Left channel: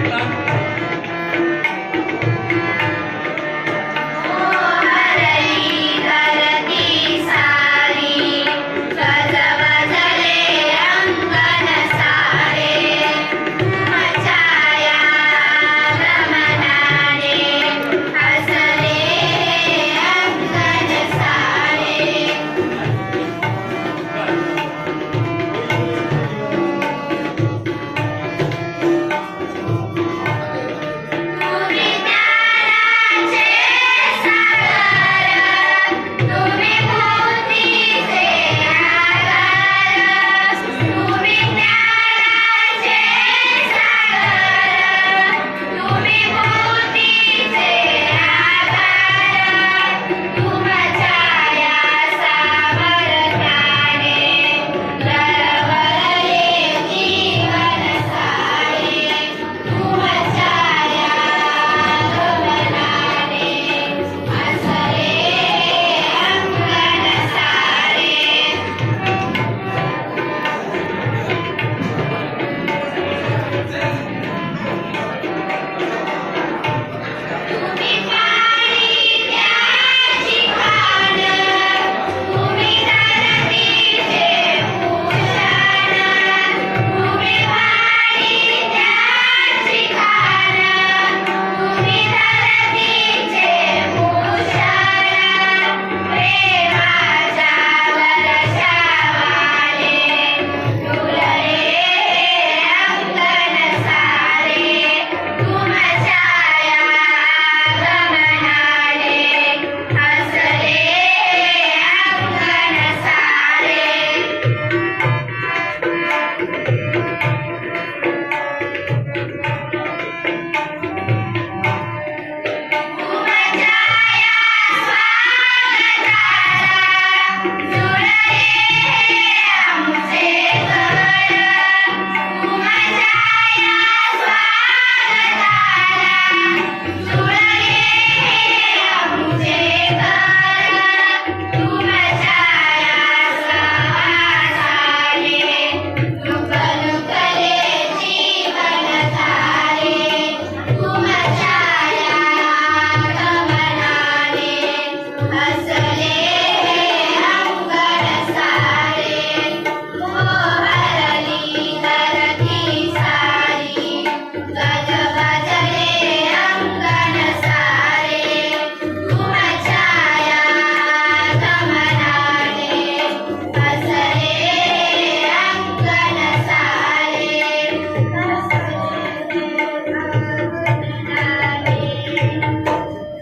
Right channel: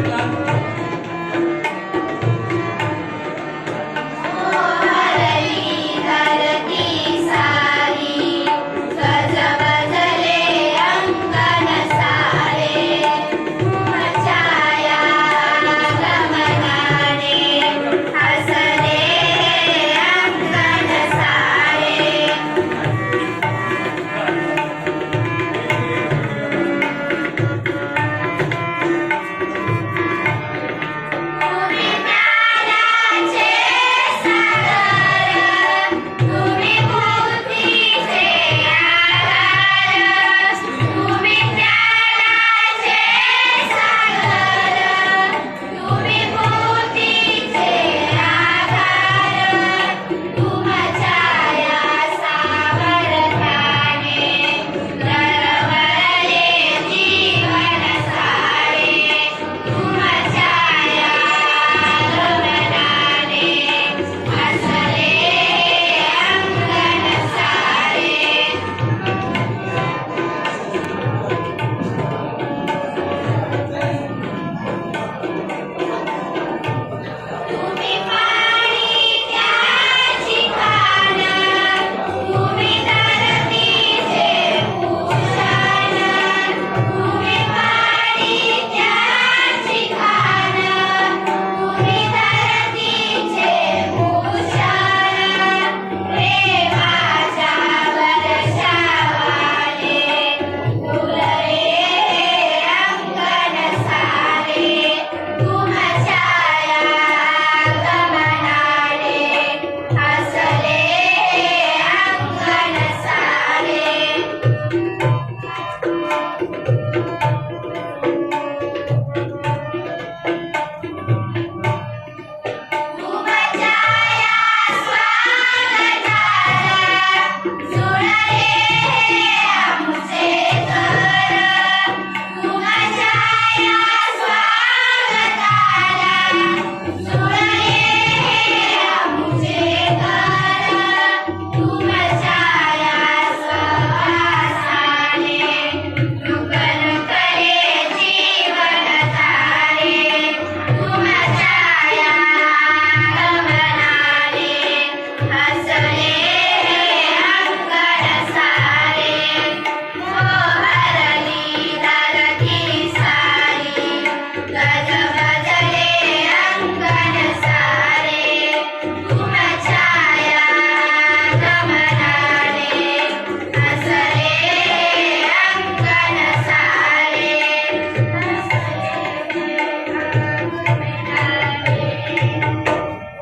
Thank uh you. -huh.